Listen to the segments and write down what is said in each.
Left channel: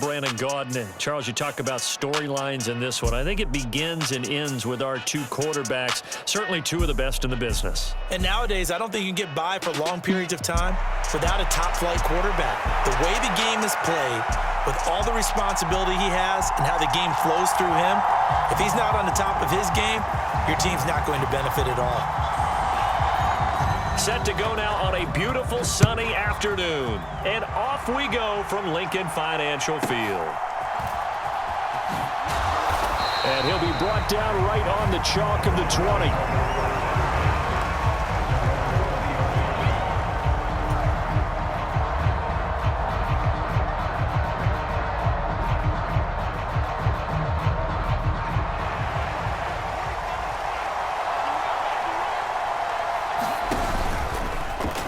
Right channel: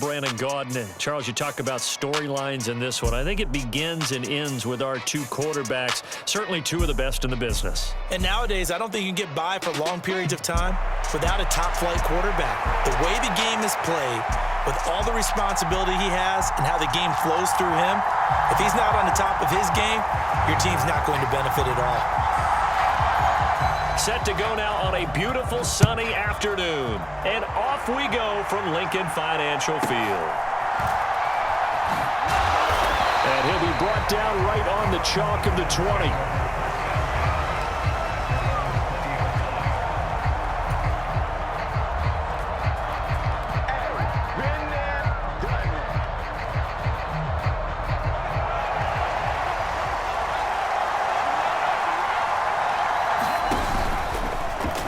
Brandon Gaudin. Charles, you talk about storylines in this one. I think it begins and ends with our two quarterbacks, certainly two of the best in the business. And nowadays, I don't think you can get by for long periods of time without a top-flight quarterback. The way the game is played, with all the responsibility he has and how the game flows through him, if he's not on the top of his game, your team's not going to benefit at all. Set to go now on a beautiful sunny afternoon. And off we go from Lincoln Financial Field. And he'll be brought down right on the chalk of the 20.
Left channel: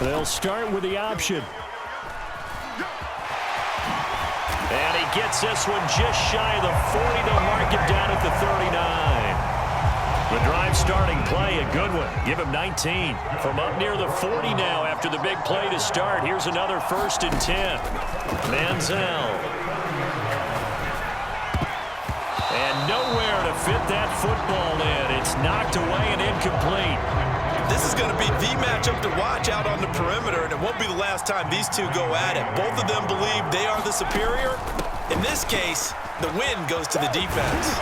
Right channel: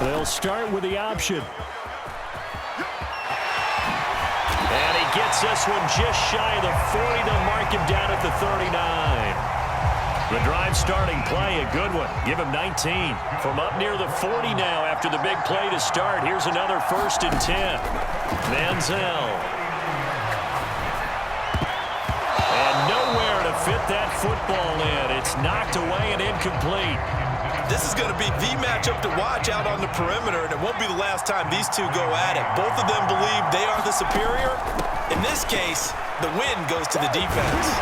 They'll start with the option. And he gets this one just shy of the 40. They'll mark him down at the 39. The drive starting play, a good one. Give him 19. From up near the 40 now after the big play to start. Here's another 1st and 10. Manziel. And nowhere to fit that football in. It's knocked away and incomplete. This is going to be the matchup to watch out on the perimeter, and it won't be the last time these two go at it. Both of them believe they are the superior. In this case, the win goes to the defense.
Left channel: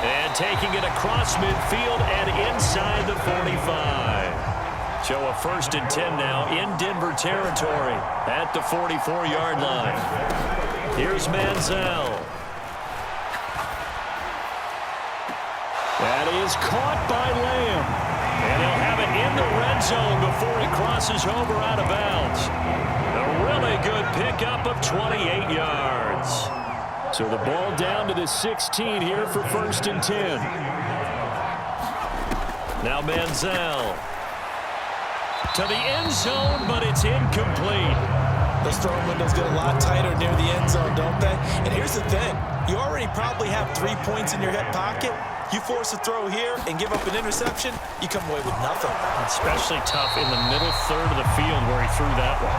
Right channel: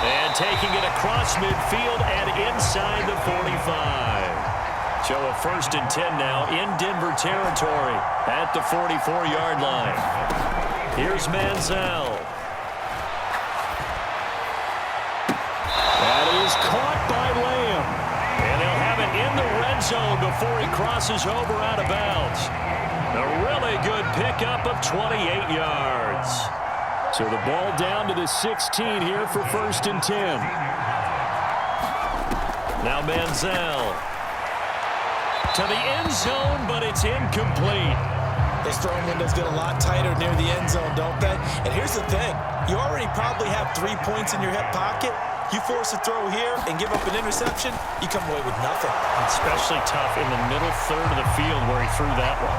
And taking it across midfield and inside the 45. So a 1st and 10 now in Denver territory at the 44-yard line. Here's Manziel. That is caught by Lamb. And they'll have it in the red zone before he crosses over out of bounds. A really good pickup of 28 yards. So the ball down to the 16 here for 1st and 10. Now Manziel. To the end zone, but it's incomplete. Those throwing windows get a lot tighter near the end zone, don't they? And here's the thing. You already probably have 3 points in your hip pocket. You force a throw here and give up an interception, you come away with nothing. Especially tough in the middle third of the field where he threw that one.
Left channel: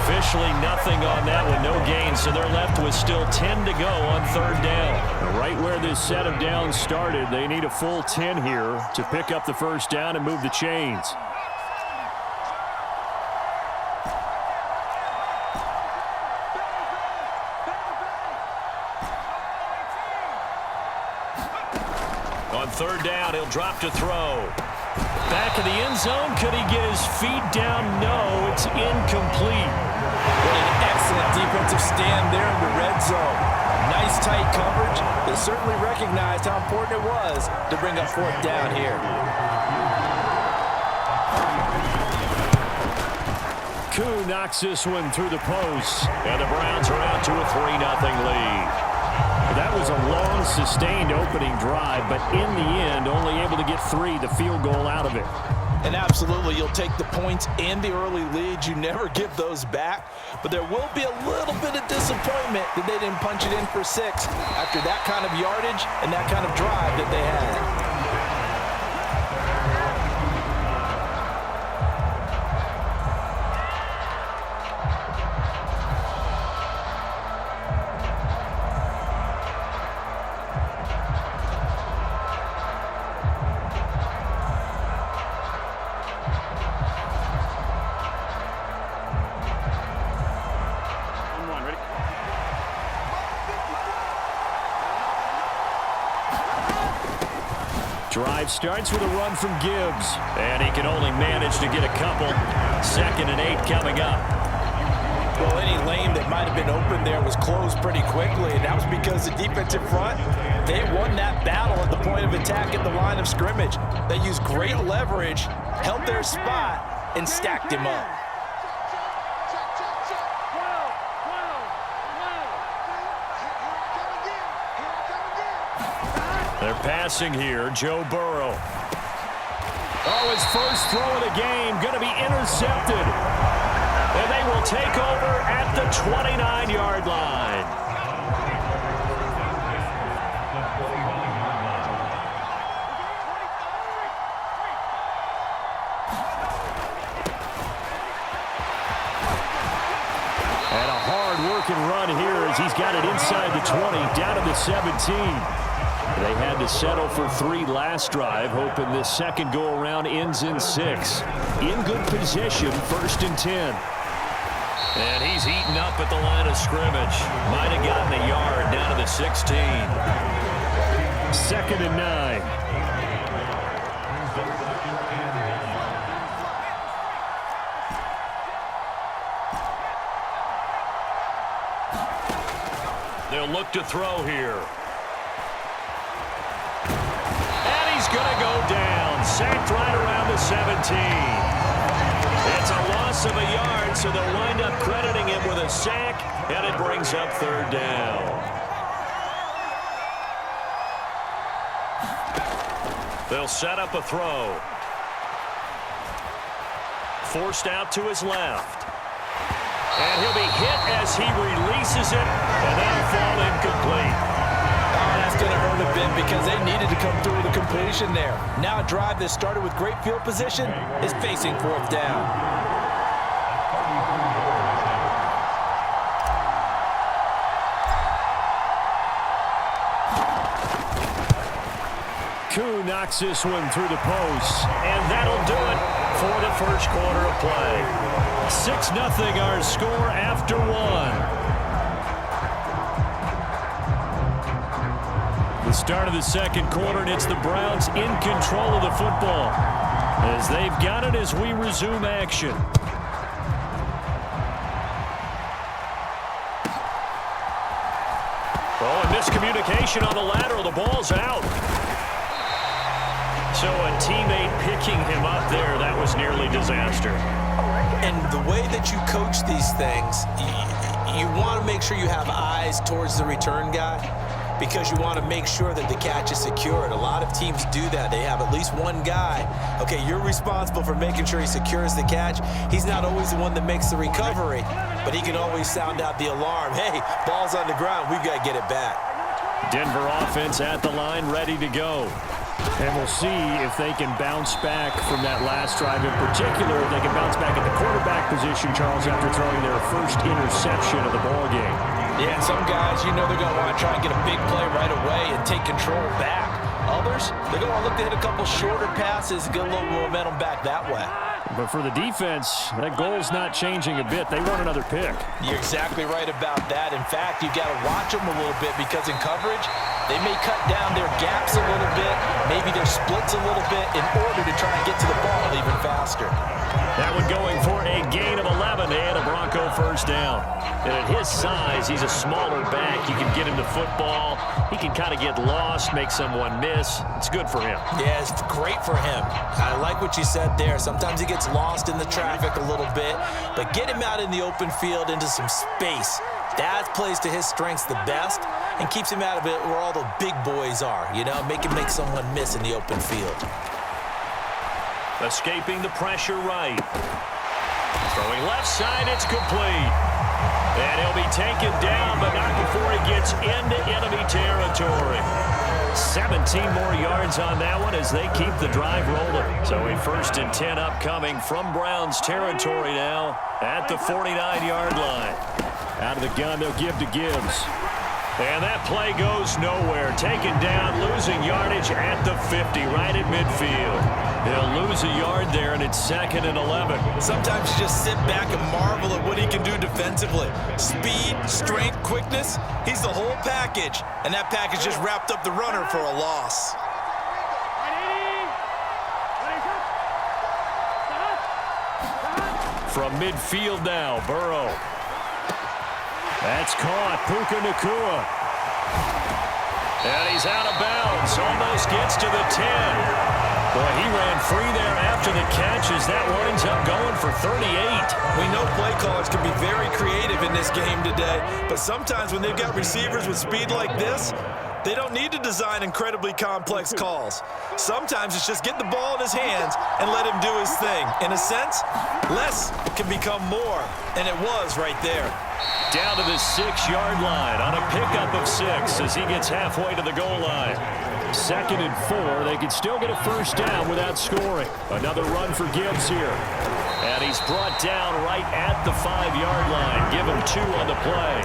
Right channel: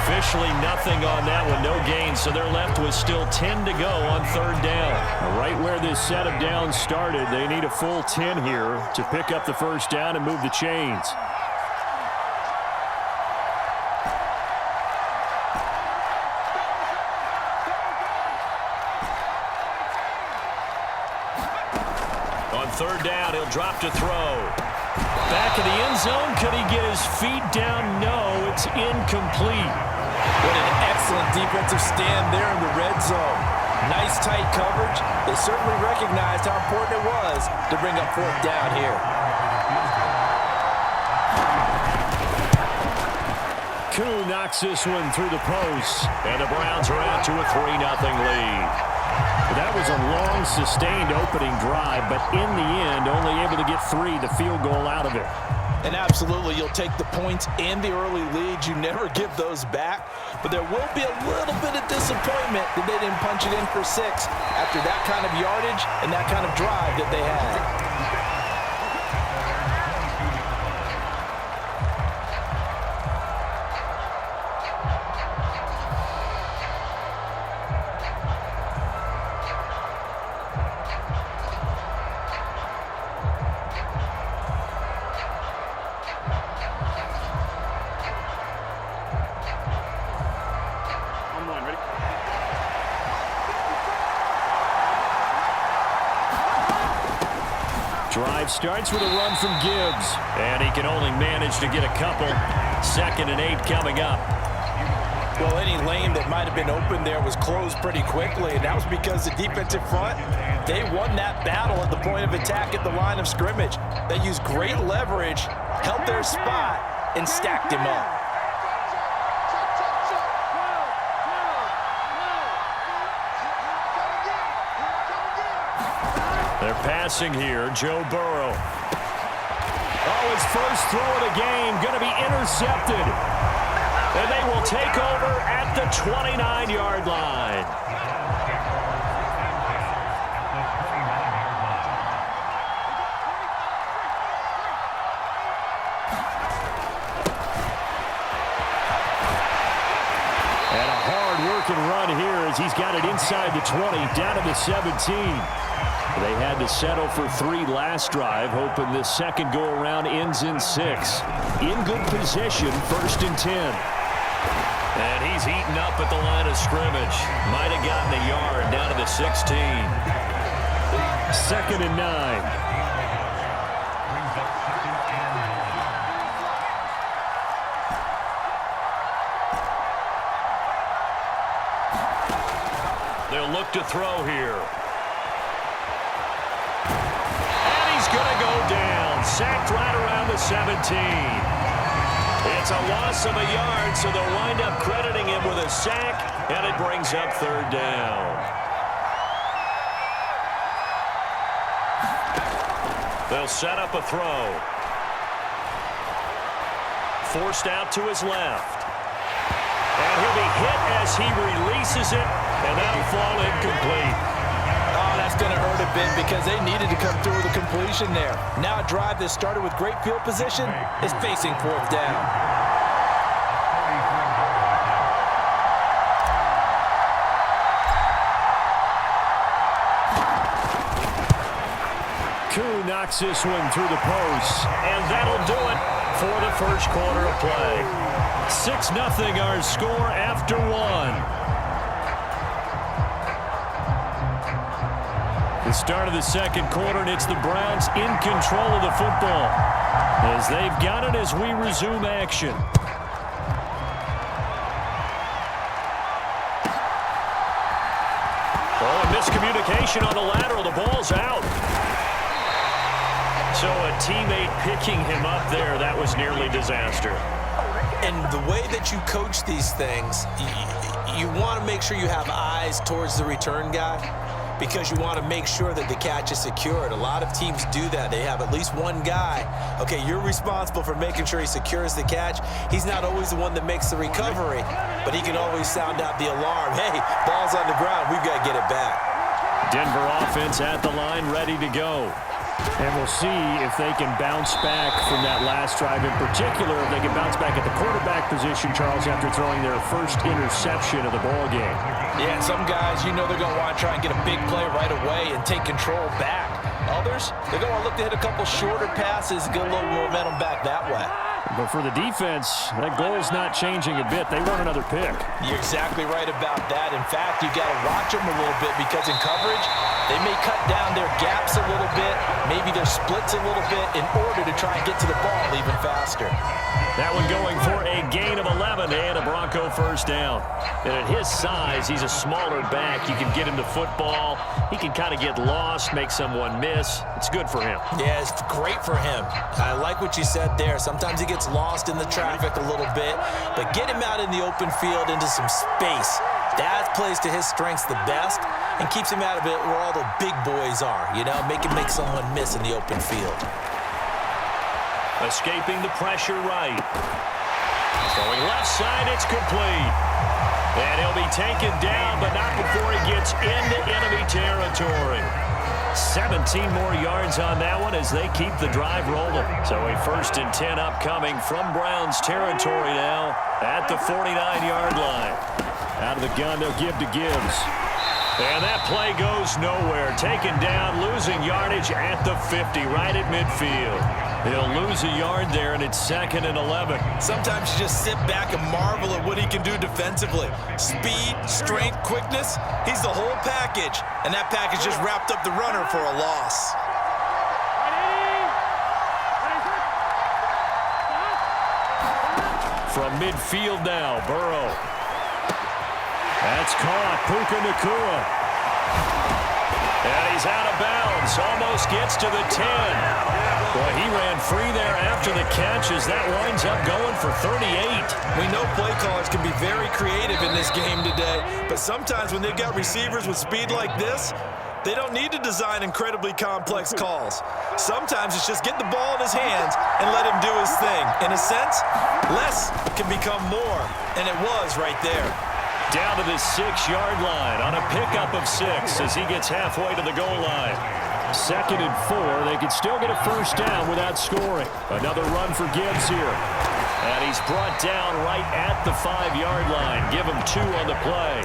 Officially nothing on that one, no gain, so they're left with still 10 to go on 3rd down. Now, right where this set of downs started, they need a full 10 here to pick up the 1st down and move the chains. On 3rd down, he'll drop to throw. Back of the end zone. Could he get his feet down? No, it's incomplete. What an excellent defensive stand there in the red zone. Nice tight coverage. They certainly recognized how important it was to bring up 4th down here. Koo knocks this one through the post. And the Browns are out to a 3-0 lead. That was a long, sustained opening drive, but in the end, only able to get 3, the field goal out of it. And absolutely, you'll take the points and the early leads. You never give those back. But there will be a little bit of disappointment that they didn't punch it in for 6 after that kind of yardage and that kind of drive that they had. Drive starts with a run from Gibbs. And he can only manage to get a couple. 2nd and 8 coming up. Well, any lane that might have been open there was closed pretty quickly, and that was because the defensive front, they won that battle at the point of attack at the line of scrimmage. They used great leverage, held their spot, and stacked him up. They're passing here. Joe Burrow. Oh, his first throw of the game going to be intercepted. And they will take over at the 29-yard line. And a hard working run here as he's got it inside the 20, down to the 17. They had to settle for 3 last drive, hoping this second go-around ends in 6. In good position, 1st and 10. And he's eaten up at the line of scrimmage. Might have gotten a yard down to the 16. 2nd and 9. They'll look to throw here. And he's going to go down. Sacked right around the 17. It's a loss of a yard, so they'll wind up crediting him with a sack, and it brings up 3rd down. They'll set up a throw. Forced out to his left. And he'll be hit as he releases it, and that'll fall incomplete. Oh, that's going to hurt a bit because they needed to come through with a completion there. Now a drive that started with great field position is facing 4th down. Koo knocks this one through the post, and that'll do it for the first quarter of play. 6-0 our score after 1. The start of the second quarter, and it's the Browns in control of the football as they've got it as we resume action. Oh, a miscommunication on the lateral. The ball's out. So a teammate picking him up there, that was nearly disaster. And the way that you coach these things, you want to make sure you have eyes towards the return guy because you want to make sure that the catch is secured. A lot of teams do that. They have at least one guy. Okay, you're responsible for making sure he secures the catch. He's not always the one that makes the recovery, but he can always sound out the alarm. Hey, ball's on the ground. We've got to get it back. Denver offense at the line, ready to go. And we'll see if they can bounce back from that last drive. In particular, if they can bounce back at the quarterback position, Charles, after throwing their first interception of the ball game. Yeah, some guys, they're going to want to try and get a big play right away and take control back. Others, they're going to look to hit a couple shorter passes and get a little momentum back that way. But for the defense, that goal's not changing a bit. They want another pick. You're exactly right about that. In fact, you've got to watch them a little bit because in coverage, they may cut down their gaps a little bit, maybe their splits a little bit in order to try and get to the ball even faster. That one going for a gain of 11 and a Bronco first down. And at his size, he's a smaller back. You can get him to football. He can kind of get lost, make someone miss. It's good for him. Yeah, it's great for him. I like what you said there. Sometimes he gets lost in the traffic a little bit, but get him out in the open field into some space. That plays to his strengths the best and keeps him out of it where all the big boys are, make him make someone miss in the open field. Escaping the pressure right. Throwing left side, it's complete. And he'll be taken down, but not before he gets into enemy territory. 17 more yards on that one as they keep the drive rolling. So a 1st and 10 upcoming from Browns territory now at the 49-yard line. Out of the gun, they'll give to Gibbs. And that play goes nowhere. Taken down, losing yardage at the 50, right at midfield. They'll lose a yard there, and it's 2nd and 11. Sometimes you just sit back and marvel at what he can do defensively. Speed, strength, quickness, he's the whole package. And that package just wrapped up the runner for a loss. From midfield now, Burrow. That's caught. Puka Nacua. And he's out of bounds. Almost gets to the 10. Boy, he ran free there after the catch as that winds up going for 38. We know play callers can be very creative in this game today, but sometimes when they've got receivers with speed like this, they don't need to design incredibly complex calls. Sometimes it's just get the ball in his hands and let him do his thing. In a sense, less can become more, and it was right there. Down to the 6-yard line on a pickup of 6 as he gets halfway to the goal line. 2nd and 4. They could still get a first down without scoring. Another run for Gibbs here. And he's brought down right at the 5-yard line. Give him 2 on the play.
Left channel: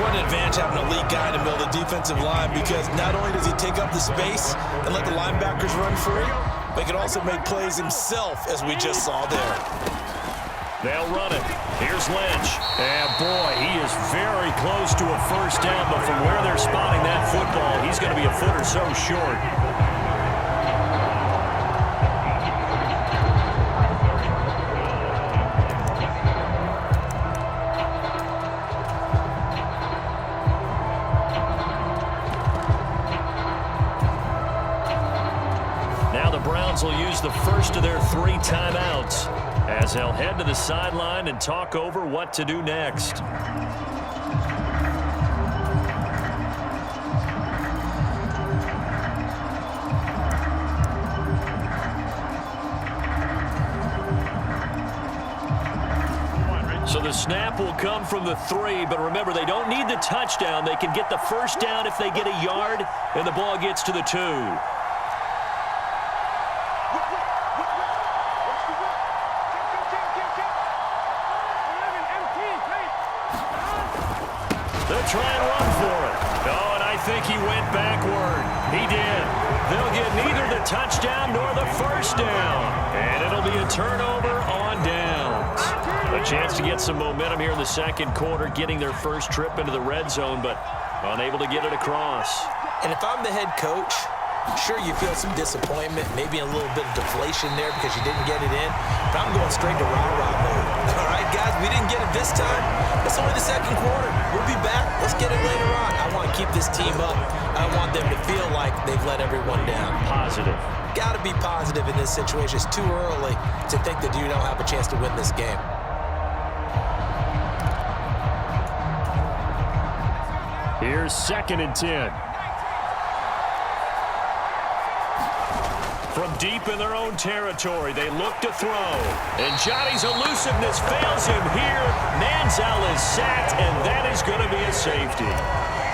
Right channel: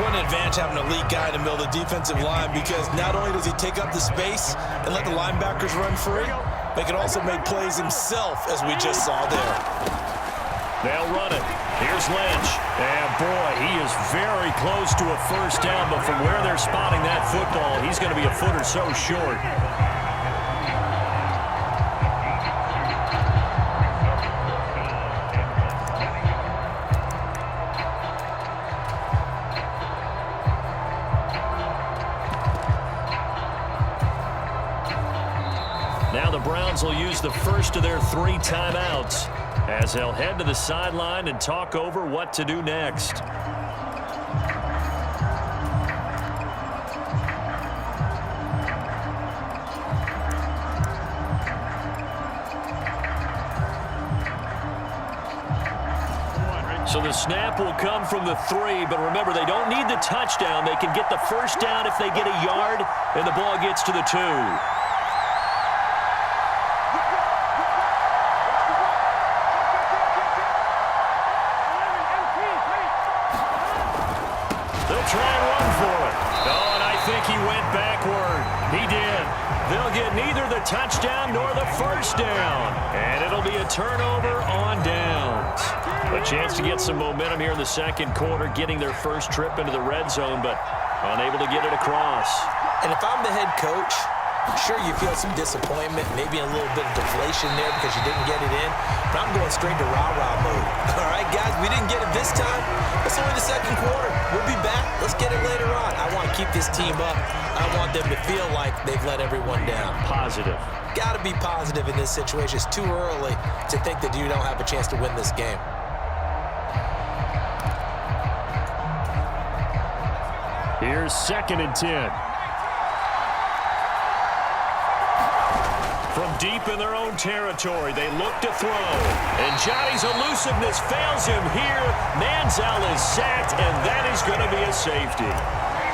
What an advantage having an elite guy in the middle of the defensive line, because not only does he take up the space and let the linebackers run free, but he can also make plays himself, as we just saw there. They'll run it. Here's Lynch. And, boy, he is very close to a first down, but from where they're spotting that football, he's going to be a foot or so short. Now the Browns will use the first of their 3 timeouts as they'll head to the sideline and talk over what to do next. So the snap will come from the 3, but remember, they don't need the touchdown. They can get the first down if they get a yard, and the ball gets to the 2. They'll try and run for it. Oh, and I think he went backward. He did. They'll get neither the touchdown nor the first down. And it'll be a turnover on downs. A chance to get some momentum here in the second quarter, getting their first trip into the red zone, but unable to get it across. And if I'm the head coach, sure, you feel some disappointment, maybe a little bit of deflation there because you didn't get it in, but I'm going straight to rah-rah mode. All right, guys, we didn't get it this time. It's only the second quarter. We'll be back. Let's get it later on. I want to keep this team up. I want them to feel like they've let everyone down. Positive. Got to be positive in this situation. It's too early to think that you don't have a chance to win this game. Here's 2nd and 10. From deep in their own territory, they look to throw. And Johnny's elusiveness fails him here. Manziel is sacked, and that is going to be a safety.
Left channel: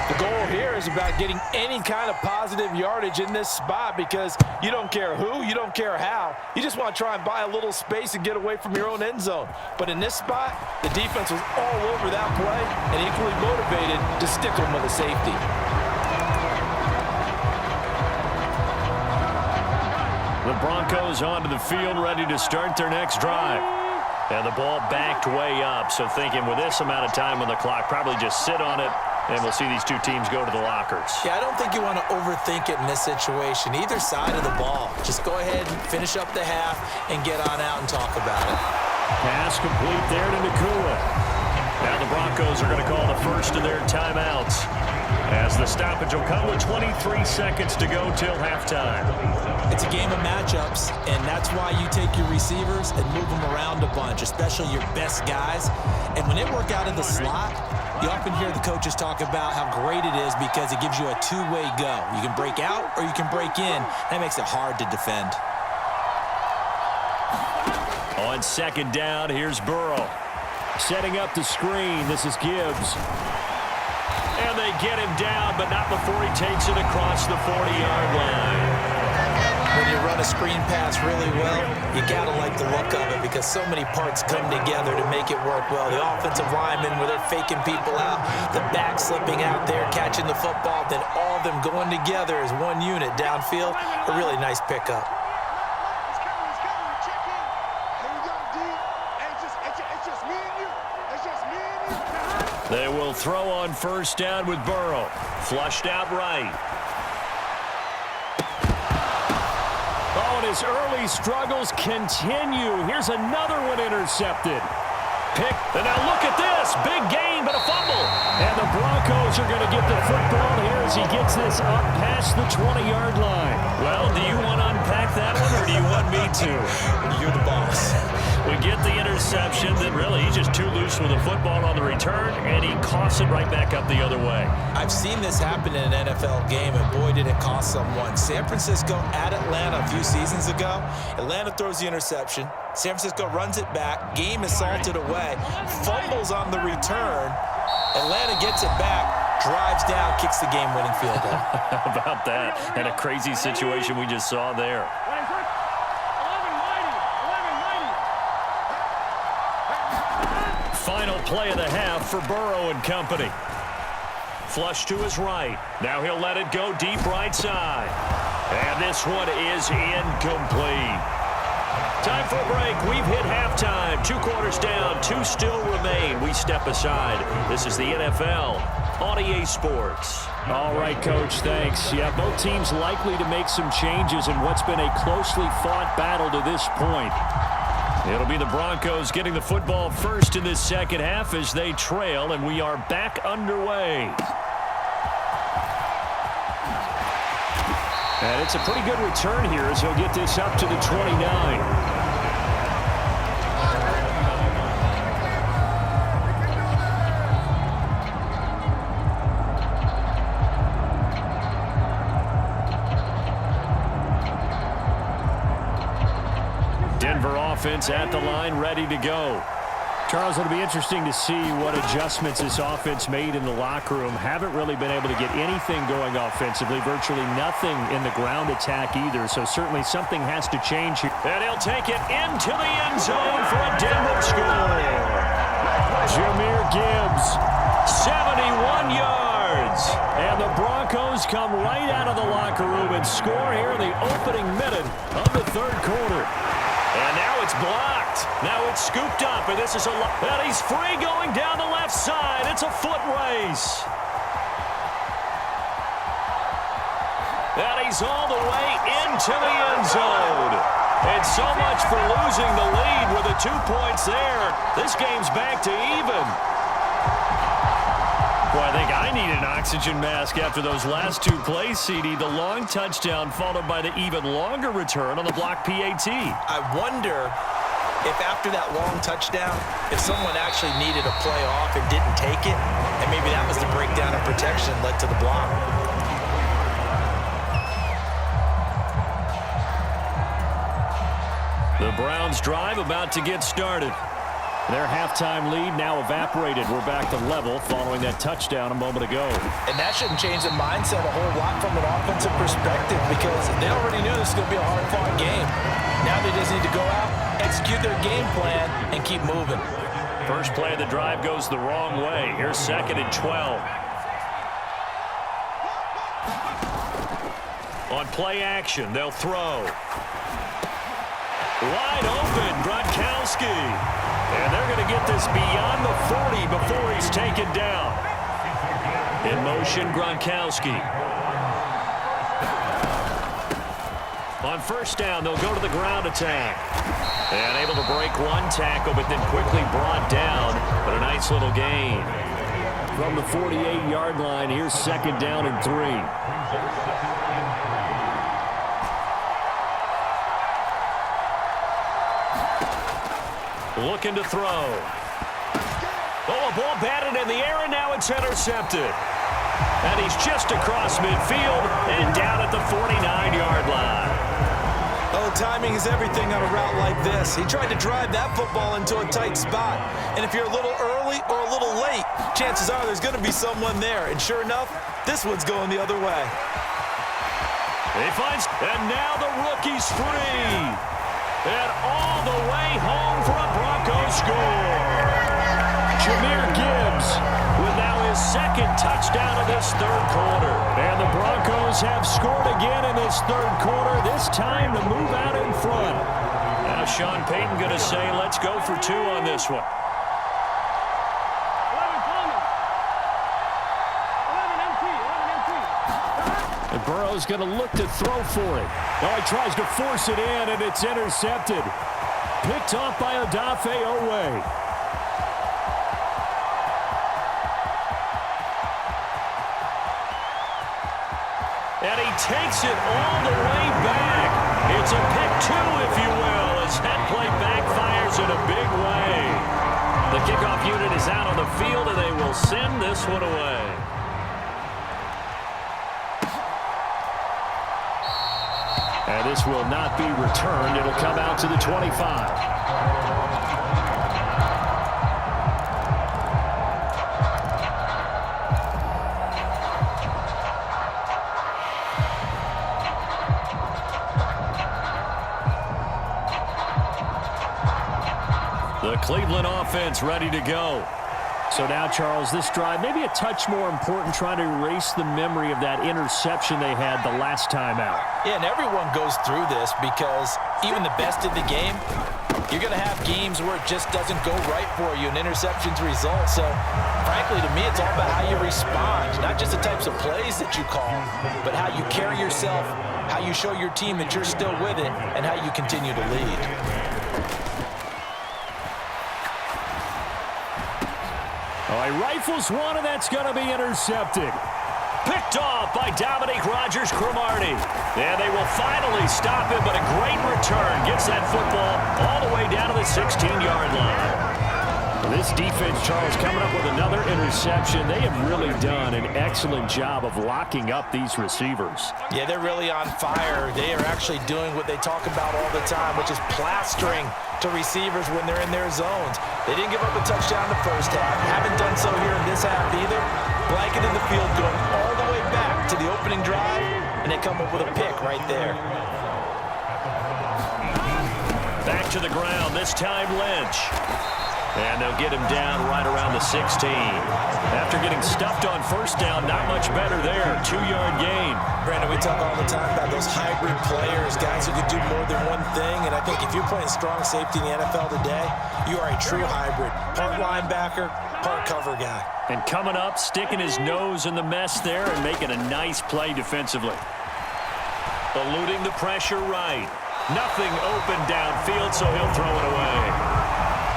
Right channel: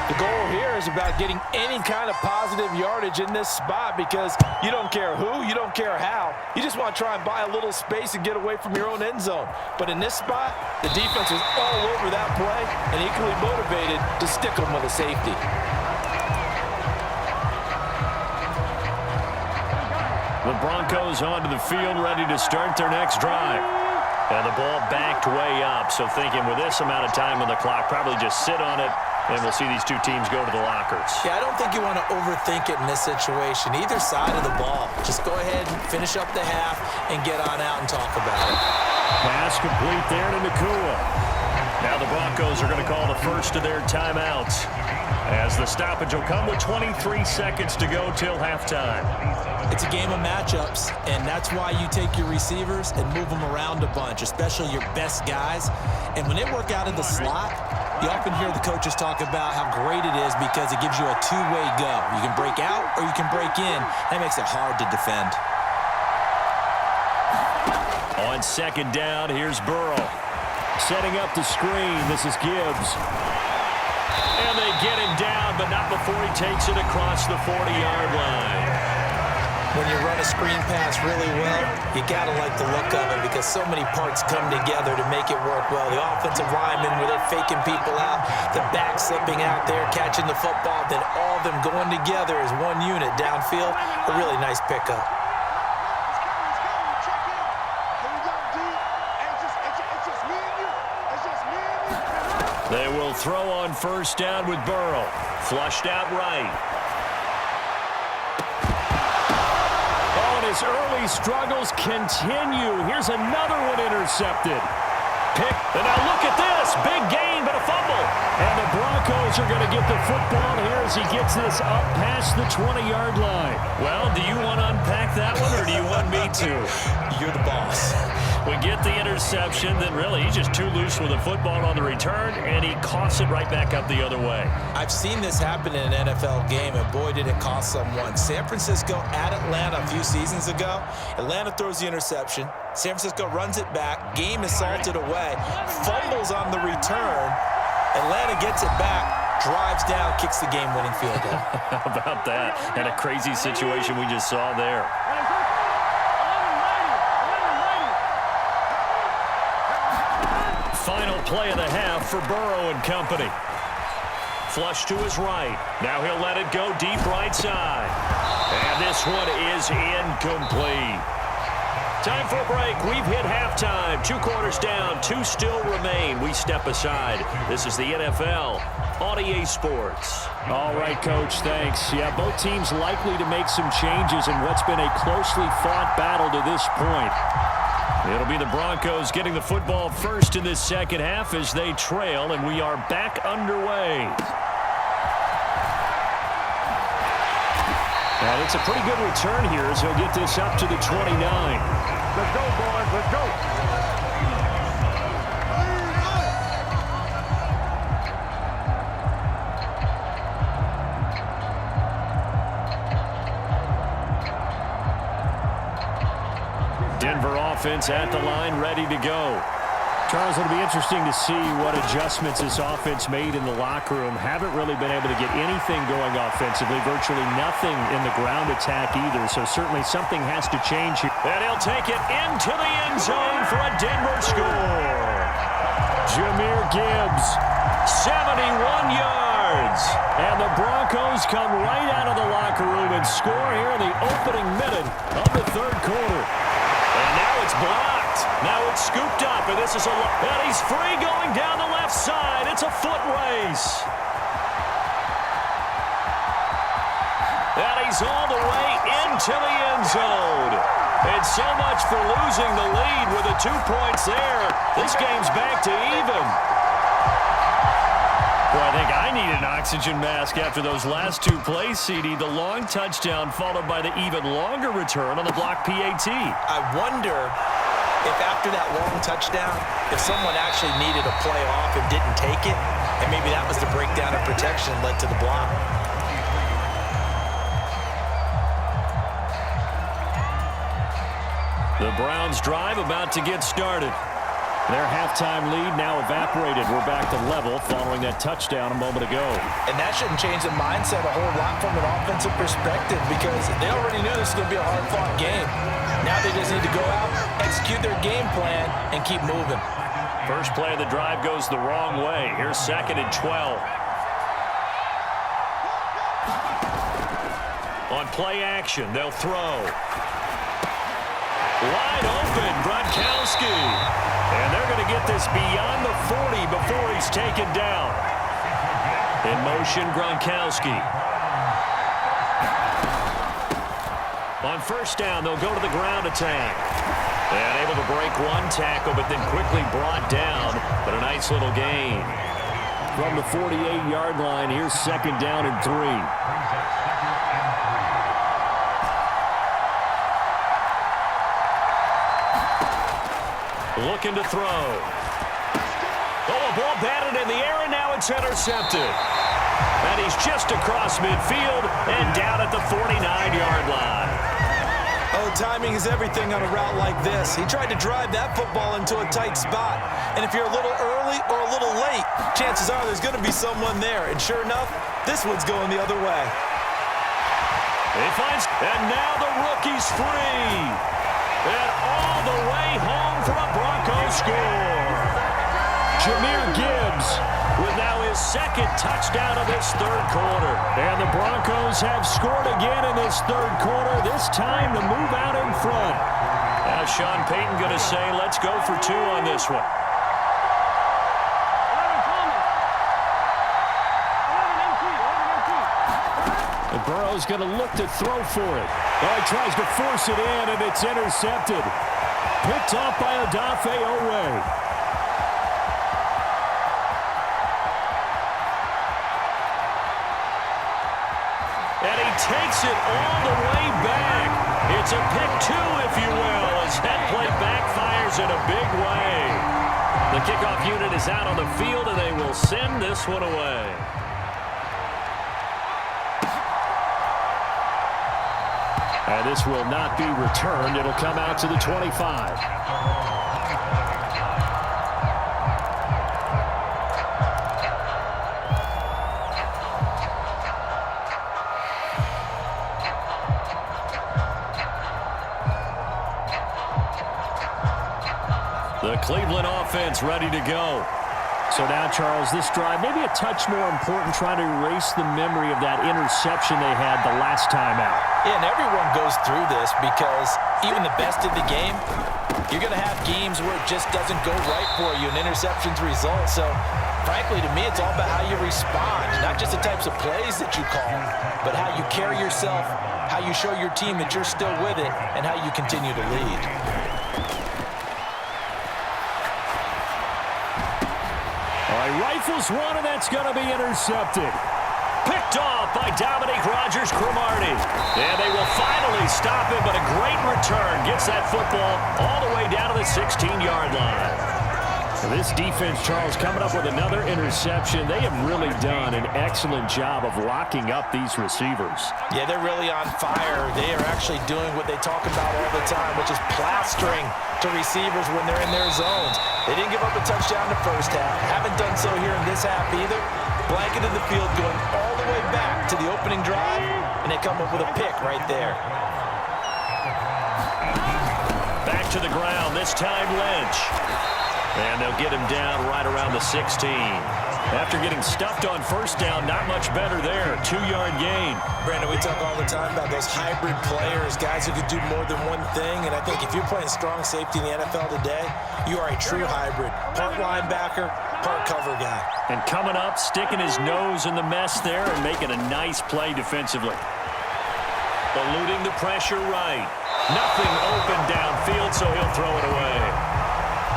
The goal here is about getting any kind of positive yardage in this spot, because you don't care who, you don't care how. You just want to try and buy a little space and get away from your own end zone. But in this spot, the defense was all over that play and equally motivated to stick them with a safety. The Broncos onto the field, ready to start their next drive. And the ball backed way up, so thinking with this amount of time on the clock, probably just sit on it, and we'll see these two teams go to the lockers. Yeah, I don't think you want to overthink it in this situation. Either side of the ball. Just go ahead and finish up the half and get on out and talk about it. Pass complete there to Nakua. Now the Broncos are going to call the first of their timeouts, as the stoppage will come with 23 seconds to go till halftime. It's a game of matchups, and that's why you take your receivers and move them around a bunch, especially your best guys. And when they work out in the slot, you often hear the coaches talk about how great it is because it gives you a two-way go. You can break out or you can break in. That makes it hard to defend. On 2nd down, here's Burrow. Setting up the screen, this is Gibbs. And they get him down, but not before he takes it across the 40-yard line. When you run a screen pass really well, you got to like the look of it because so many parts come together to make it work well. The offensive linemen, where they're faking people out, the back slipping out there, catching the football, then all of them going together as one unit downfield. A really nice pickup. They will throw on 1st down with Burrow. Flushed out right. Oh, and his early struggles continue. Here's another one intercepted. Pick, and now look at this. Big gain, but a fumble. And the Broncos are going to get the football here as he gets this up past the 20-yard line. Well, do you want to unpack that one, or do you want me to? You're the boss. We get the interception, then really he's just too loose with the football on the return, and he coughs it right back up the other way. I've seen this happen in an NFL game, and boy, did it cost someone. San Francisco at Atlanta a few seasons ago. Atlanta throws the interception. San Francisco runs it back. Game is salted away. Fumbles on the return. Atlanta gets it back, drives down, kicks the game-winning field goal. How about that? And a crazy situation we just saw there. play of the half for Burrow and company. Flush to his right. Now he'll let it go deep right side. And this one is incomplete. Time for a break. We've hit halftime. 2 quarters down. 2 still remain. We step aside. This is the NFL on EA Sports. All right, Coach, thanks. Yeah, both teams likely to make some changes in what's been a closely fought battle to this point. It'll be the Broncos getting the football first in this second half as they trail, and we are back underway. And it's a pretty good return here as he'll get this up to the 29. Denver offense at the line, ready to go. Charles, it'll be interesting to see what adjustments this offense made in the locker room. Haven't really been able to get anything going offensively, virtually nothing in the ground attack either, so certainly something has to change here. And he'll take it into the end zone for a Denver score. Jahmyr Gibbs, 71 yards. and the Broncos come right out of the locker room and score here in the opening minute of the third quarter. And now it's blocked. Now it's scooped up, and this is and he's free going down the left side. It's a foot race. And he's all the way into the end zone. And so much for losing the lead with the 2 points there. This game's back to even. Boy, I think I need an oxygen mask after those last 2 plays, CD. The long touchdown followed by the even longer return on the block PAT. I wonder if after that long touchdown, if someone actually needed a play off and didn't take it, and maybe that was the breakdown of protection led to the block. The Browns drive about to get started. Their halftime lead now evaporated. We're back to level following that touchdown a moment ago. And that shouldn't change the mindset a whole lot from an offensive perspective because they already knew this was going to be a hard-fought game. Now they just need to go out, execute their game plan, and keep moving. First play of the drive goes the wrong way. Here's 2nd and 12. On play action, they'll throw. Wide open, Gronkowski. And they're going to get this beyond the 40 before he's taken down. In motion, Gronkowski. On first down, they'll go to the ground attack. And able to break one tackle, but then quickly brought down. But a nice little gain. From the 48-yard line, here's 2nd down and 3. Looking to throw. Oh, a ball batted in the air, and now it's intercepted. And he's just across midfield and down at the 49-yard line. Oh, timing is everything on a route like this. He tried to drive that football into a tight spot. And if you're a little early or a little late, chances are there's going to be someone there. And sure enough, this one's going the other way. He finds, and now the rookie's free. And all the way home for a Broncos score. Jahmyr Gibbs with now his 2nd touchdown of this third quarter. And the Broncos have scored again in this third quarter, this time to move out in front. Now Sean Payton going to say, let's go for 2 on this one. And Burrow's going to look to throw for it. Oh, he tries to force it in, and it's intercepted. Picked off by Odafe Owe. And he takes it all the way back. It's a pick 2, if you will, as that play backfires in a big way. The kickoff unit is out on the field, and they will send this one away. And this will not be returned. It'll come out to the 25. The Cleveland offense ready to go. So now, Charles, this drive maybe a touch more important, trying to erase the memory of that interception they had the last time out. Yeah, and everyone goes through this because even the best in the game, you're going to have games where it just doesn't go right for you and interceptions result. So, frankly, to me, it's all about how you respond, not just the types of plays that you call, but how you carry yourself, how you show your team that you're still with it, and how you continue to lead. All right, rifles one, and that's going to be intercepted. Picked off by Dominique Rodgers-Cromartie. And they will finally stop him, but a great return gets that football all the way down to the 16-yard line. Well, this defense, Charles, coming up with another interception. They have really done an excellent job of locking up these receivers. Yeah, they're really on fire. They are actually doing what they talk about all the time, which is plastering to receivers when they're in their zones. They didn't give up a touchdown the first half. Haven't done so here in this half either. Blanket in the field going all the way back to the opening drive, and they come up with a pick right there. Back to the ground, this time Lynch. And they'll get him down right around the 16. After getting stuffed on first down, not much better there. 2-yard gain. Brandon, we talk all the time about those hybrid players, guys who could do more than one thing. And I think if you're playing strong safety in the NFL today, you are a true hybrid. Part linebacker, part cover guy. And coming up, sticking his nose in the mess there and making a nice play defensively. Eluding the pressure right. Nothing open downfield, so he'll throw it away.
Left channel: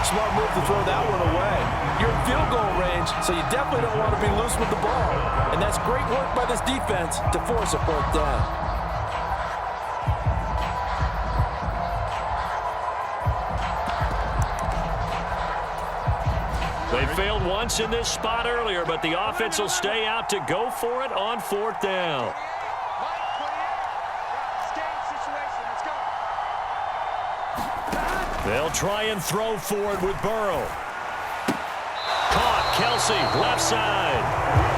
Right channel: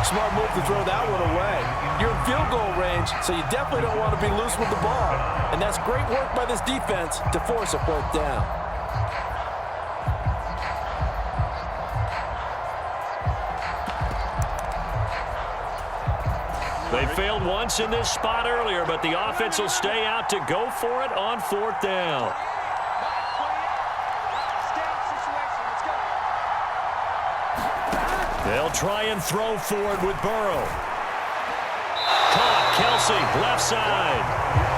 Smart move to throw that one away. You're in field goal range, so you definitely don't want to be loose with the ball. And that's great work by this defense to force a fourth down. They failed once in this spot earlier, but the offense will stay out to go for it on fourth down. They'll try and throw forward with Burrow. Caught, Kelsey, left side.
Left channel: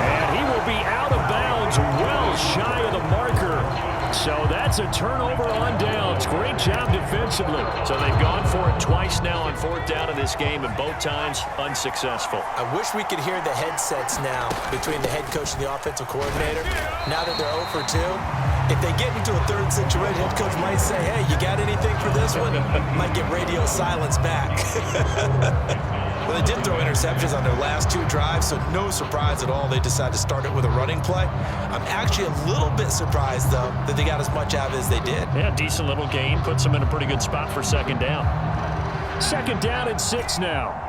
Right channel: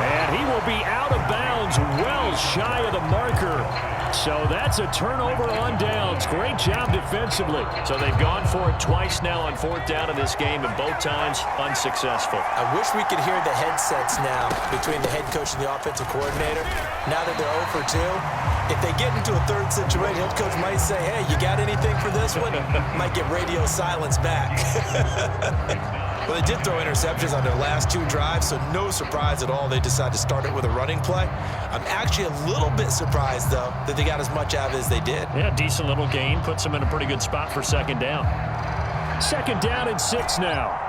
And he will be out of bounds, well shy of the marker. So that's a turnover on downs. Great job defensively. So they've gone for it twice now on fourth down in this game, and both times unsuccessful. I wish we could hear the headsets now between the head coach and the offensive coordinator. Now that they're 0 for 2, if they get into a third situation, head coach might say, hey, you got anything for this one? Might get radio silence back. Well, they did throw interceptions on their last 2 drives, so no surprise at all they decided to start it with a running play. I'm actually a little bit surprised, though, that they got as much out of it as they did. Yeah, decent little gain. Puts them in a pretty good spot for second down. Second down and 6 now.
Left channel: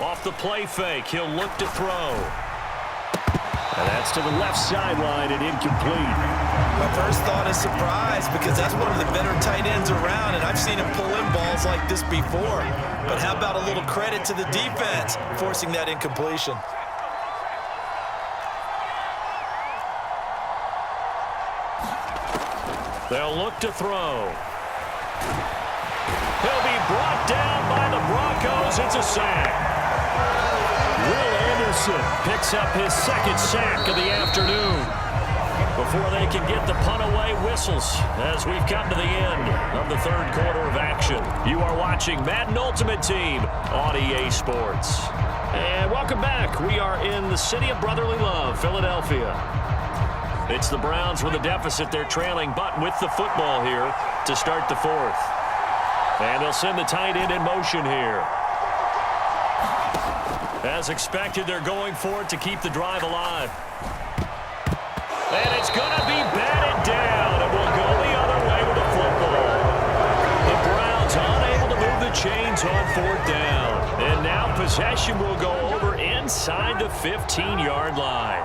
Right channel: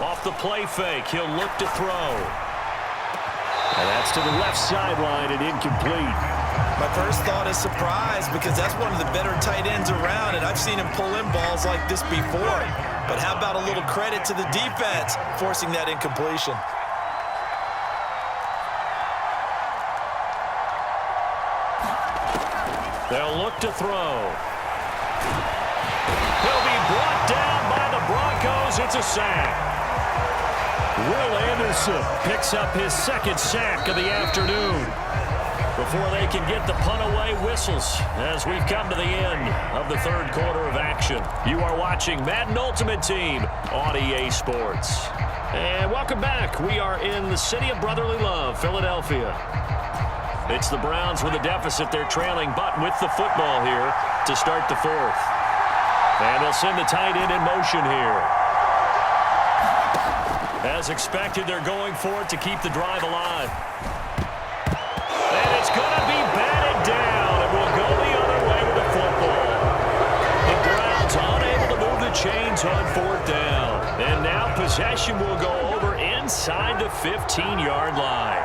Off the play fake, he'll look to throw. And that's to the left sideline and incomplete. My first thought is surprise because that's one of the better tight ends around, and I've seen him pull in balls like this before. But how about a little credit to the defense forcing that incompletion? They'll look to throw. He'll be brought down by the Broncos. It's a sack. Will Anderson Picks up his second sack of the afternoon. Before they can get the punt away, whistles as we've come to the end of the third quarter of action. You are watching Madden Ultimate Team on EA Sports. And welcome back. We are in the city of brotherly love, Philadelphia. It's the Browns with a deficit. They're trailing, but with the football here to start the fourth. And they'll send the tight end in motion here. As expected, they're going for it to keep the drive alive. And it's going to be batted down, and we'll go the other way with the football. The Browns unable to move the chains on fourth down. And now possession will go over inside the 15-yard line.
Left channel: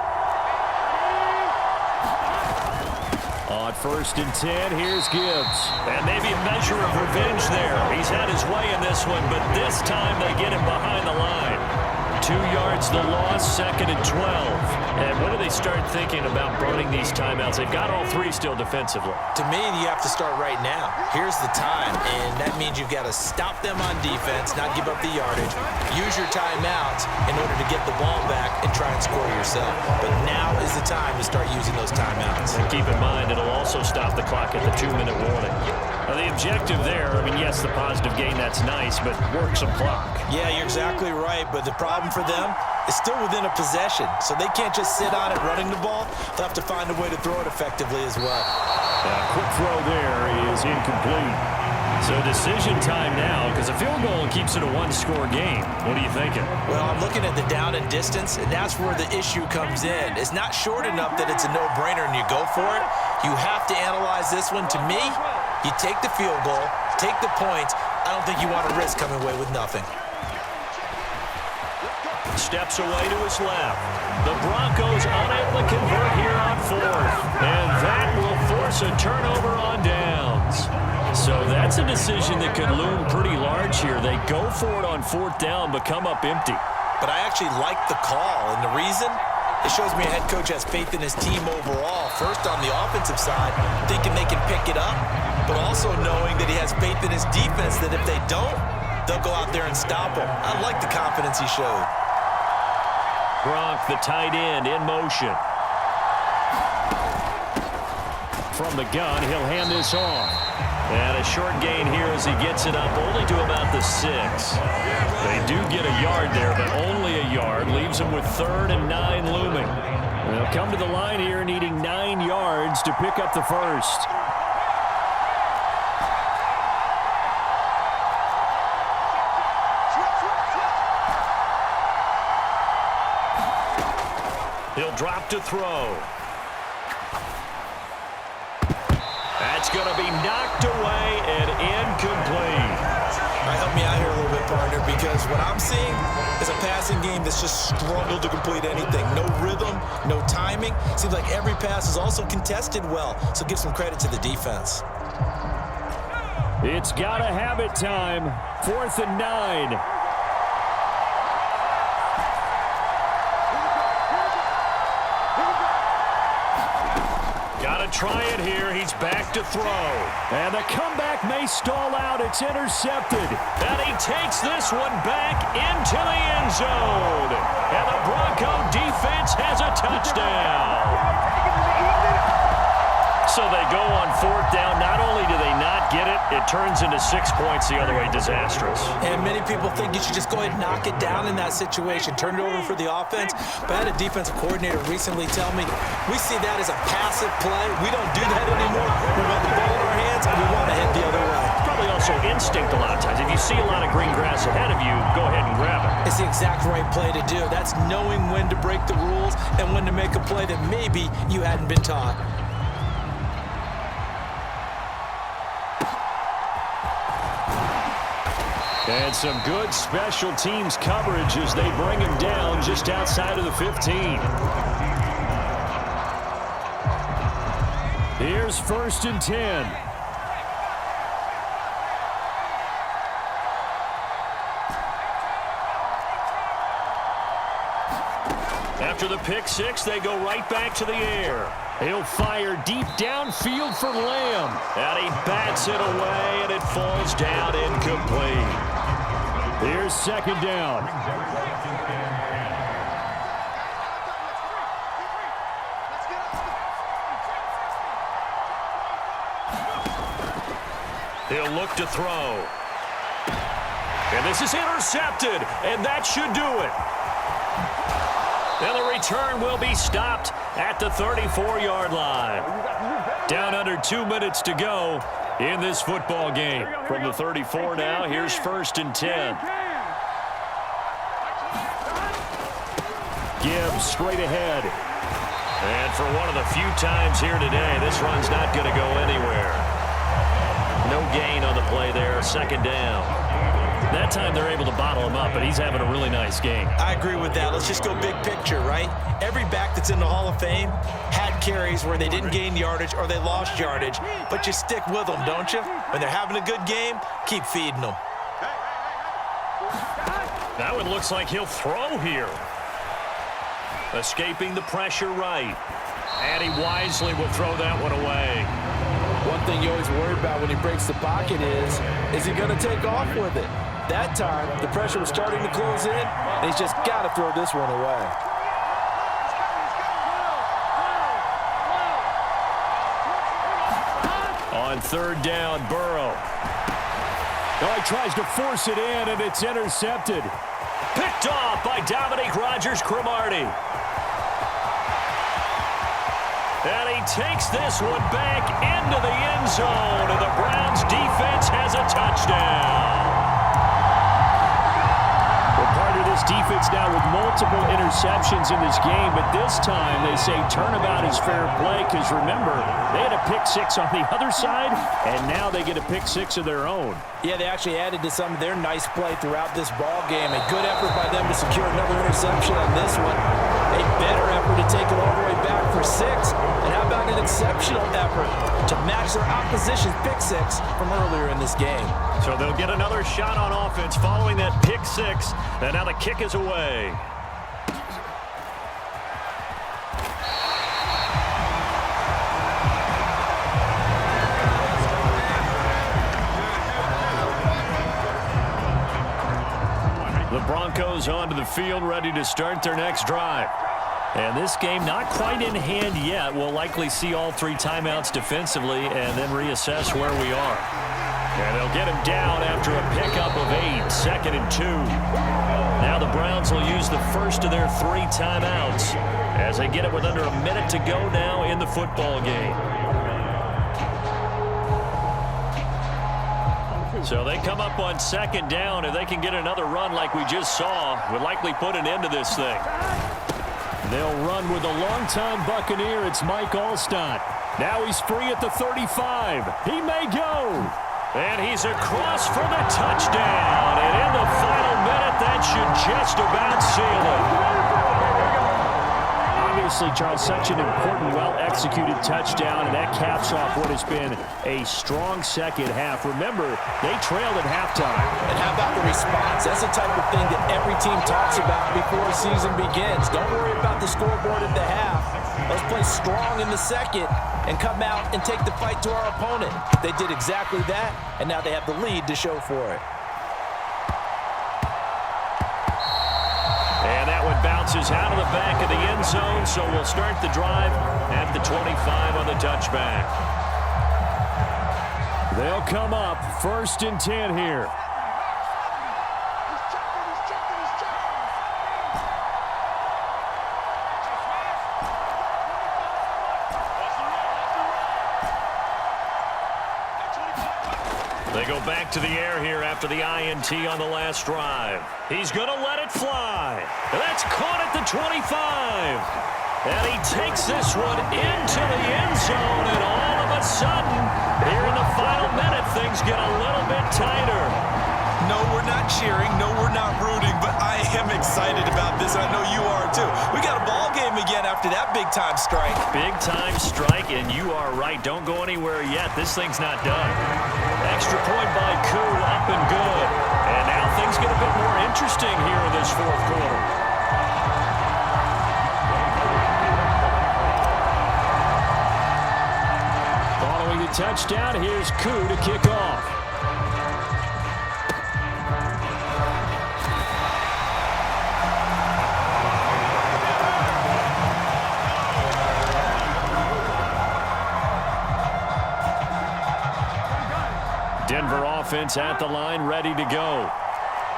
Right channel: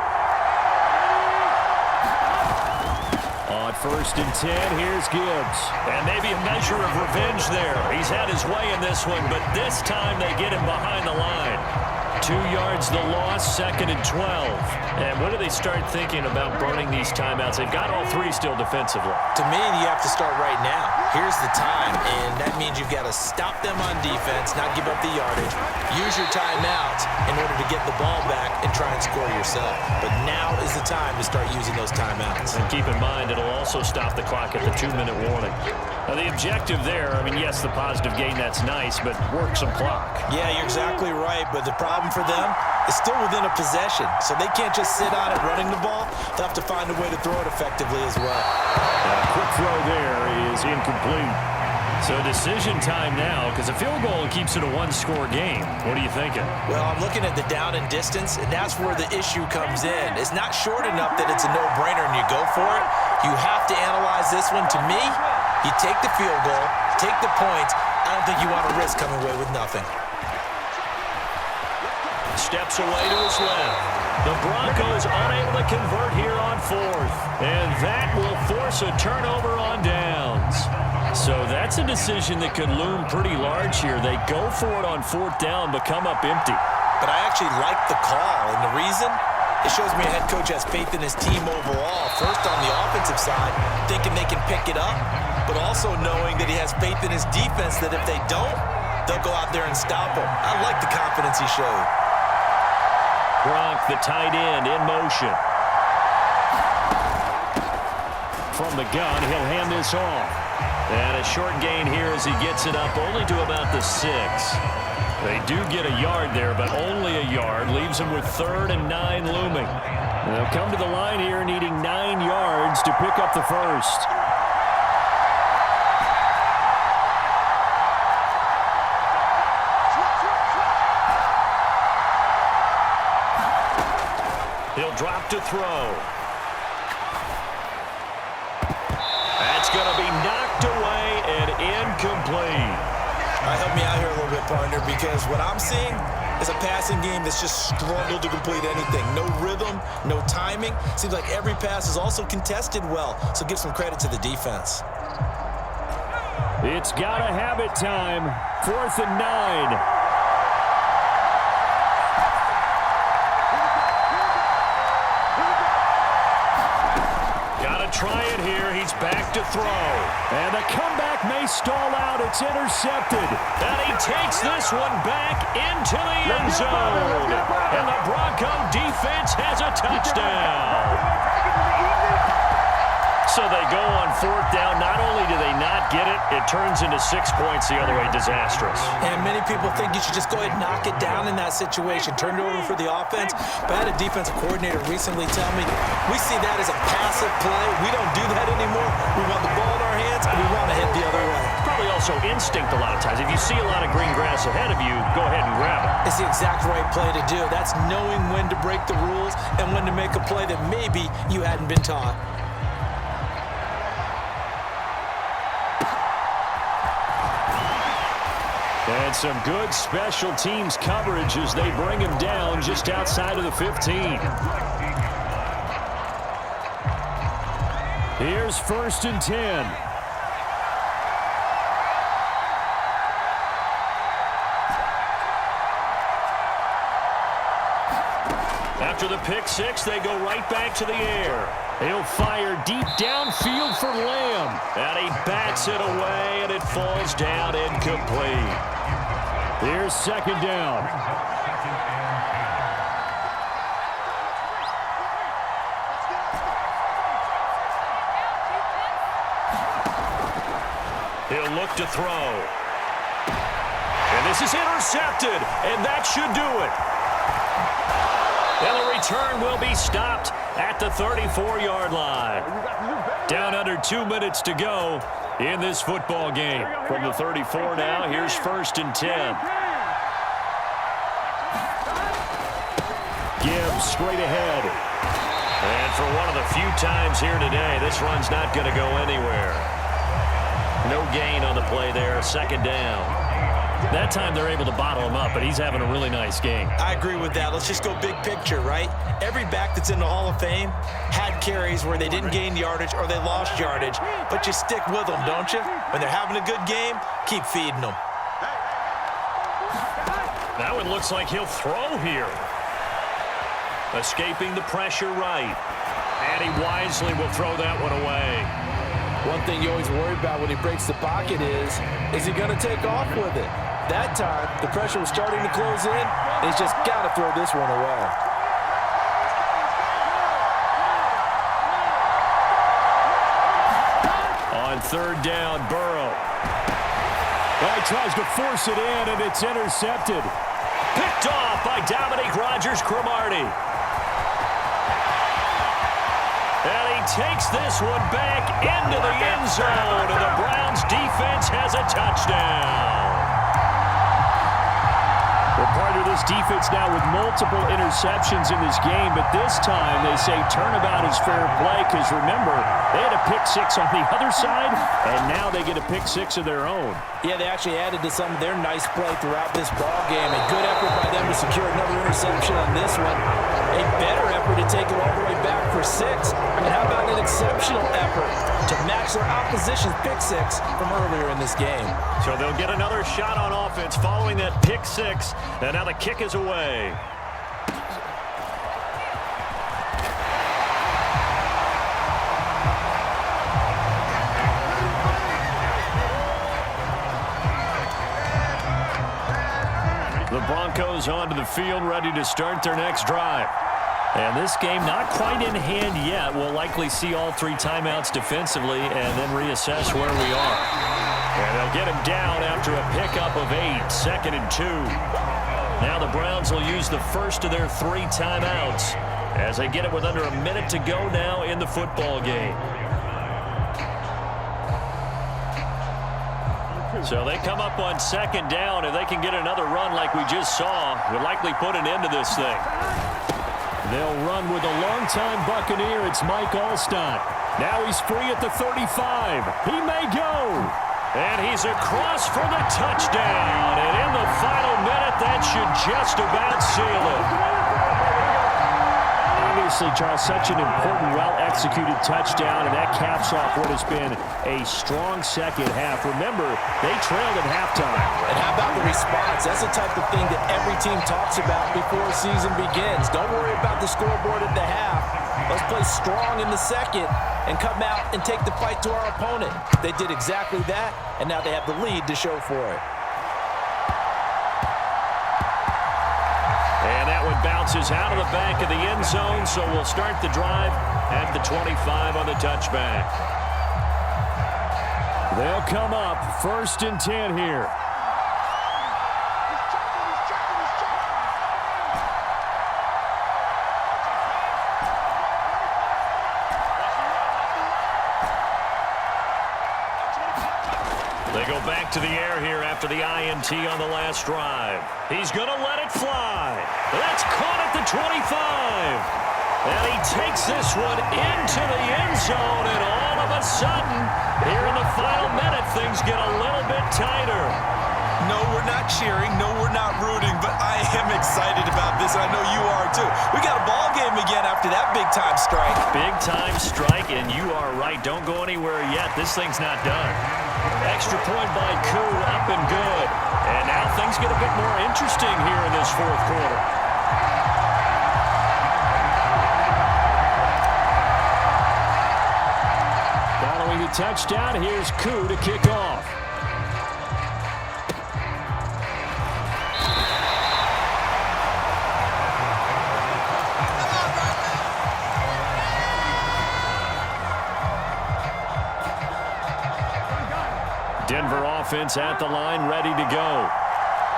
On 1st and 10, here's Gibbs. And maybe a measure of revenge there. He's had his way in this one, but this time they get him behind the line. 2 yards the loss, 2nd and 12. And when do they start thinking about burning these timeouts? They've got all 3 still defensively. To me, you have to start right now. Here's the time, and that means you've got to stop them on defense, not give up the yardage, use your timeouts in order to get the ball back and try and score yourself. But now is the time to start using those timeouts. And keep in mind, it'll also stop the clock at the 2-minute warning. Now, the objective there, I mean, yes, the positive gain, that's nice, but work some clock. Yeah, you're exactly right, but the problem for them is still within a possession, so they can't just sit on it running the ball. They'll have to find a way to throw it effectively as well. Quick throw there is incomplete. So decision time now, because a field goal keeps it a 1-score game. What are you thinking? Well, I'm looking at the down and distance, and that's where the issue comes in. It's not short enough that it's a no-brainer and you go for it. You have to analyze this one. To me, you take the field goal, take the points. I don't think you want to risk coming away with nothing. Steps away to his left. The Broncos unable to convert here on 4th. And that will force a turnover on downs. So that's a decision that could loom pretty large here. They go for it on 4th down, but come up empty. But I actually like the call, and the reason? It shows me a head coach has faith in his team overall. First on the offensive side, thinking they can pick it up, but also knowing that he has faith in his defense that if they don't, they'll go out there and stop him. I like the confidence he showed. Gronk, the tight end, in motion. From the gun, he'll hand this off. And a short gain here as he gets it up only to about the 6. They do get a yard there, but only a yard. Leaves them with 3rd and 9 looming. They'll come to the line here needing 9 yards to pick up the first. He'll drop to throw. That's going to be knocked away and incomplete. All right, help me out here a little bit, partner, because what I'm seeing is a passing game that's just struggled to complete anything. No rhythm, no timing. Seems like every pass is also contested well, so give some credit to the defense. It's got to have it time. 4th and 9. Try it here. He's back to throw. And the comeback may stall out. It's intercepted. And he takes this one back into the end zone. And the Bronco defense has a touchdown. So they go on 4th down. Not only do they not get it, it turns into 6 points the other way. Disastrous. And many people think you should just go ahead and knock it down in that situation. Turn it over for the offense. But I had a defensive coordinator recently tell me, we see that as a passive play. We don't do that anymore. We want the ball in our hands, and we want to head the other way. Probably also instinct a lot of times. If you see a lot of green grass ahead of you, go ahead and grab it. It's the exact right play to do. That's knowing when to break the rules and when to make a play that maybe you hadn't been taught. And some good special teams coverage as they bring him down just outside of the 15. Here's 1st and 10. After the pick 6, they go right back to the air. He'll fire deep downfield for Lamb. And he bats it away, and it falls down incomplete. Here's 2nd down. He'll look to throw. And this is intercepted, and that should do it. And the return will be stopped at the 34-yard line. Down under 2 minutes to go in this football game. From the 34 now, here's 1st and 10. Gibbs straight ahead. And for one of the few times here today, this run's not going to go anywhere. No gain on the play there, 2nd down. That time they're able to bottle him up, but he's having a really nice game. I agree with that. Let's just go big picture, right? Every back that's in the Hall of Fame had carries where they didn't gain yardage or they lost yardage, but you stick with them, don't you? When they're having a good game, keep feeding them. Now it looks like he'll throw here. Escaping the pressure right. And he wisely will throw that one away. One thing you always worry about when he breaks the pocket is he going to take off with it? That time, the pressure was starting to close in, and he's just got to throw this one away. On third down, Burrow. Oh, he tries to force it in, and it's intercepted. Picked off by Dominique Rodgers-Cromartie. And he takes this one back into the end zone, and the Browns defense has a touchdown. Well, part of this defense now with multiple interceptions in this game, but this time they say turnabout is fair play because, remember, they had a pick six on the other side, and now they get a pick six of their own. Yeah, they actually added to some of their nice play throughout this ball game. A good effort by them to secure another interception on this one. A better effort to take it all the way back for 6. And how about an exceptional effort to match their opposition's pick six from earlier in this game? So they'll get another shot on offense following that pick six. And now the kick is away. The Broncos onto the field, ready to start their next drive. And this game not quite in hand yet. We'll likely see all 3 timeouts defensively and then reassess where we are. And they'll get him down after a pickup of 8, 2nd and 2. Now the Browns will use the first of their 3 timeouts as they get it with under a minute to go now in the football game. So they come up on 2nd down. If they can get another run like we just saw, would likely put an end to this thing. They'll run with a longtime Buccaneer. It's Mike Allstott. Now he's free at the 35. He may go. And he's across for the touchdown. And in the final minute, that should just about seal it. Obviously, Charles, such an important, well-executed touchdown, and that caps off what has been a strong second half. Remember, they trailed at halftime. And how about the response? That's the type of thing that every team talks about before a season begins. Don't worry about the scoreboard at the half. Let's play strong in the second and come out and take the fight to our opponent. They did exactly that, and now they have the lead to show for it. And that one bounces out of the back of the end zone, so we'll start the drive at the 25 on the touchback. They'll come up 1st and 10 here. They go back to the air here after the INT on the last drive. He's going to let it fly. That's caught at the 25. And he takes this one into the end zone, and all of a sudden, here in the final minute, things get a little bit tighter. No, we're not cheering. No, we're not rooting, but I am excited about this, and I know you are too. We got a ball game again after that big-time strike. Big-time strike, and you are right. Don't go anywhere yet. This thing's not done. Extra point by Koo, up and good. And now things get a bit more interesting here in this 4th quarter. Following the touchdown, here's Koo to kick off. Denver offense at the line, ready to go.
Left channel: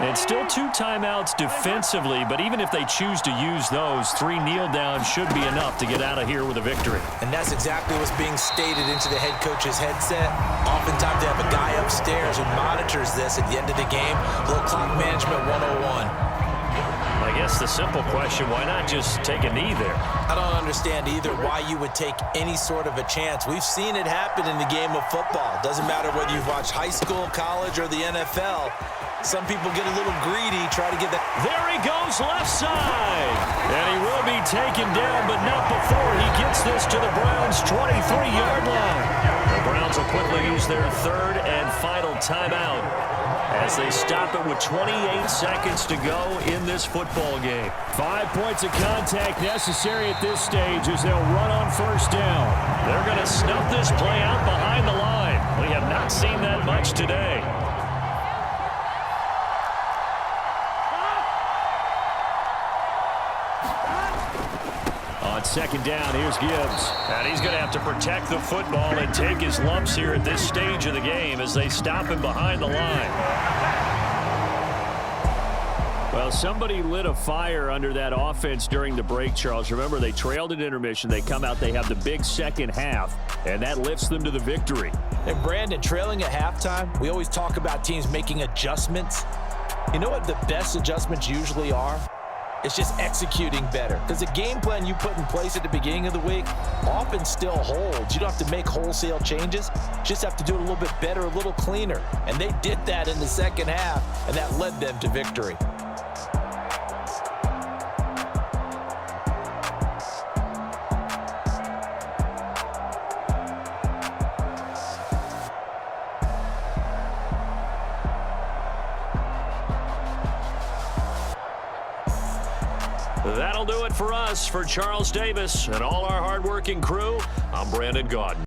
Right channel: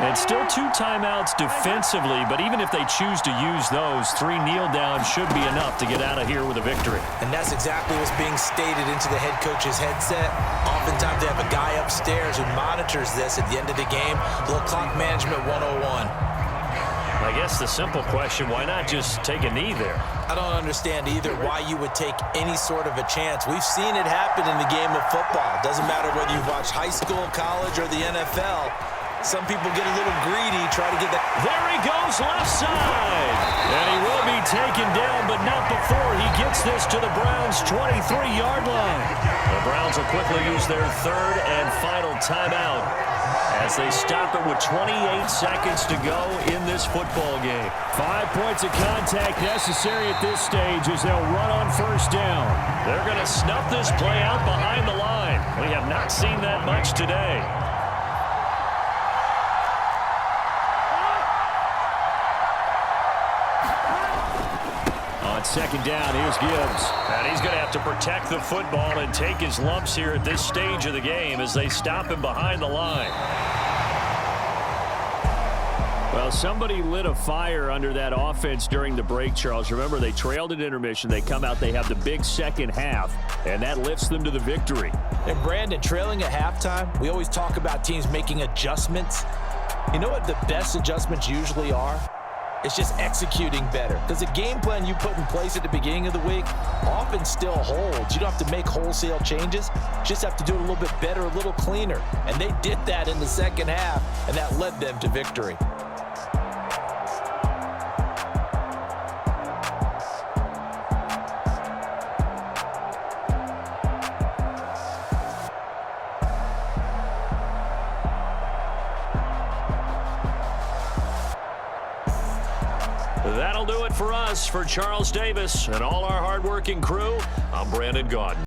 And still 2 timeouts defensively, but even if they choose to use those, 3 kneel downs should be enough to get out of here with a victory. And that's exactly what's being stated into the head coach's headset. Oftentimes they have a guy upstairs who monitors this at the end of the game. A little clock management 101. I guess the simple question, why not just take a knee there? I don't understand either why you would take any sort of a chance. We've seen it happen in the game of football. Doesn't matter whether you've watched high school, college, or the NFL. Some people get a little greedy, try to get that. There he goes, left side. And he will be taken down, but not before he gets this to the Browns' 23-yard line. The Browns will quickly use their third and final timeout as they stop it with 28 seconds to go in this football game. 5 points of contact necessary at this stage as they'll run on first down. They're going to snuff this play out behind the line. We have not seen that much today. On second down, here's Gibbs. And he's going to have to protect the football and take his lumps here at this stage of the game as they stop him behind the line. Well, somebody lit a fire under that offense during the break, Charles. Remember, they trailed at intermission. They come out, they have the big second half, and that lifts them to the victory. And Brandon, trailing at halftime, we always talk about teams making adjustments. You know what the best adjustments usually are? It's just executing better. Because the game plan you put in place at the beginning of the week often still holds. You don't have to make wholesale changes. You just have to do it a little bit better, a little cleaner. And they did that in the second half, and that led them to victory. That'll do it for us. For Charles Davis and all our hardworking crew, I'm Brandon Gaudin.